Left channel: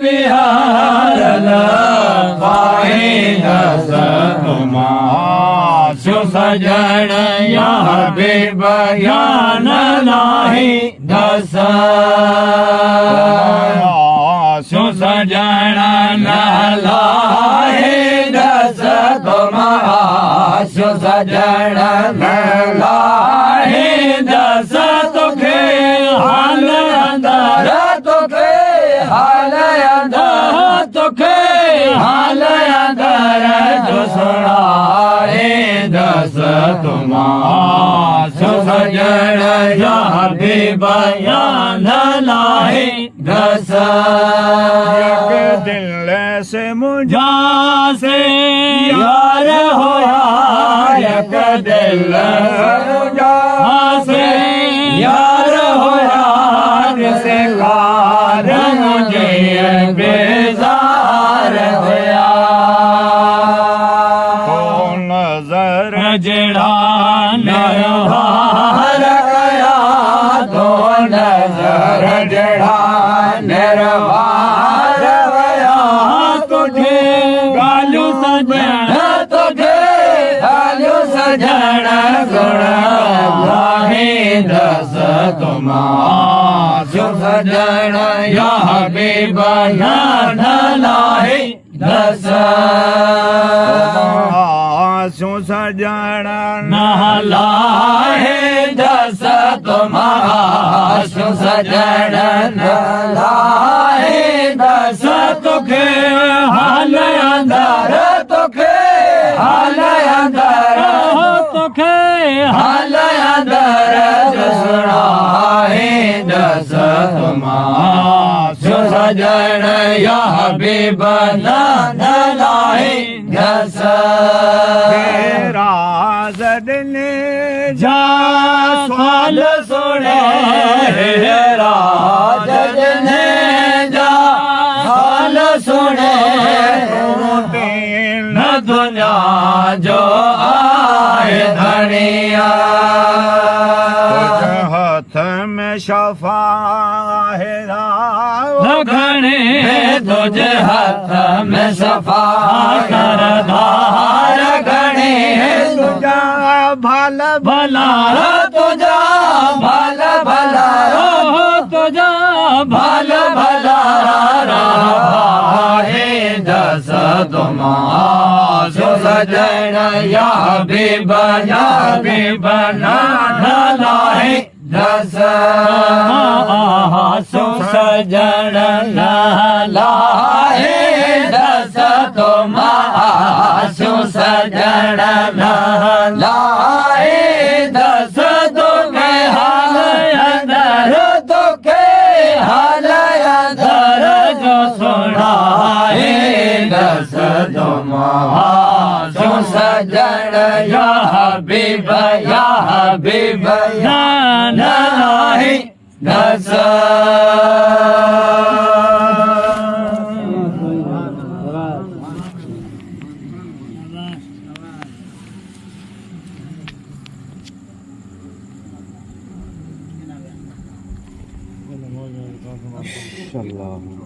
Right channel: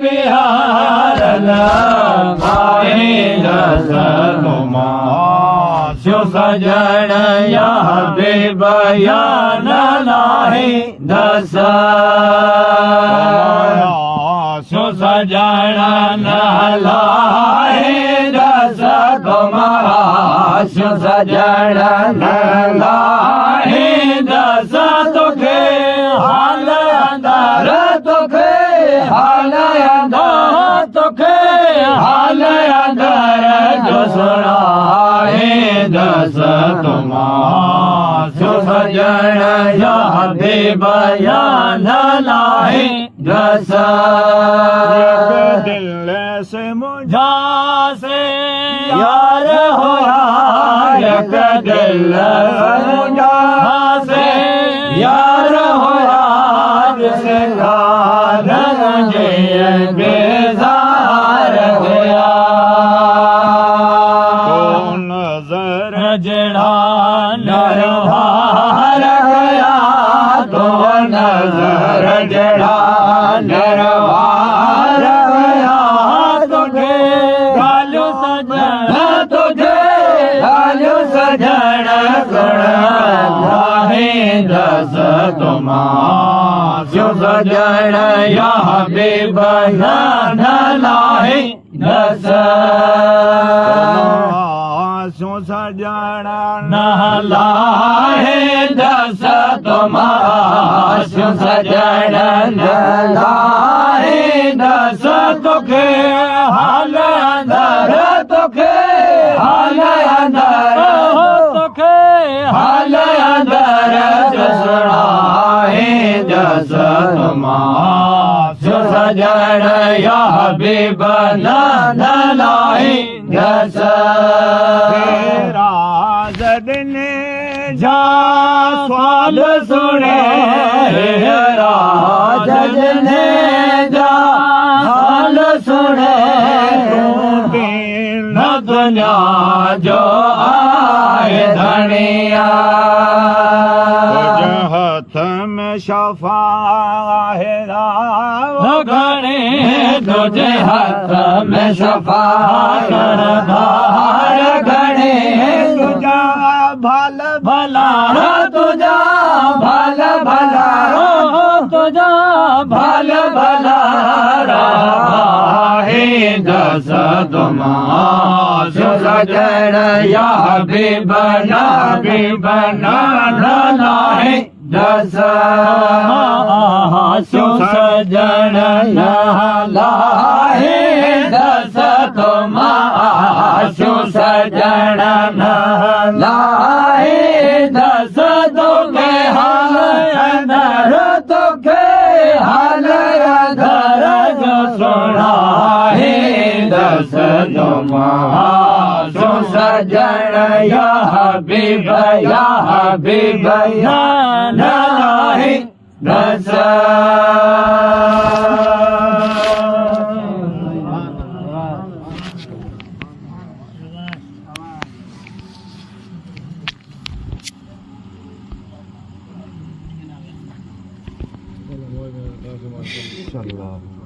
प्यार पाए दस तुमा शो सजण या हबीब या न लाहे दस शो सजण न लाहे दस तुम्हारा शो सजण न लाहे दस तुखे हाल अंदर तुखे हाल अंदर तुखे हाल अंदर जो सुनाए दस तुम्हारा शो सजण या हबीब या न लाहे दस दिल से मुझा से यार हो यार दिल मुझा से यार हो यार से कारण मुझे बेजार होया नजर जड़ा निर्वार गया तो नजर जड़ा निर्वार गया तुझे गालू सजण तुझे गालू सजण गुण लाहे दस तुम्हारा सजण या हबीब या न लाहे दस शो सजण न लाहे दस तुम्हारा शो सजण न लाहे दस तुखे हाल अंदर तुखे हाल अंदर तुखे हाल अंदर जो सुनाए दस तुम्हारा शो सजण या हबीब न लाहे दस दिन जा सवाल सुने राज ने जा सवाल सुने न दुनिया जो आए धनिया हाथ में शफा है घने तुझे हाथ में सफा सरदार घने तुझा भल भला तुझा भल भला तुझा भल भला हे दस तुम्हारा सजण या हबीब न लाहे दस सो सजण न लाहे दस तुम्हारा सो सजण न लाहे दस तुखे हाल अंदर तुखे हाल अंदर जो सुनाए दस तुम्हारा सो सजण या हबीब या न लाहे दस इंशाअल्लाह।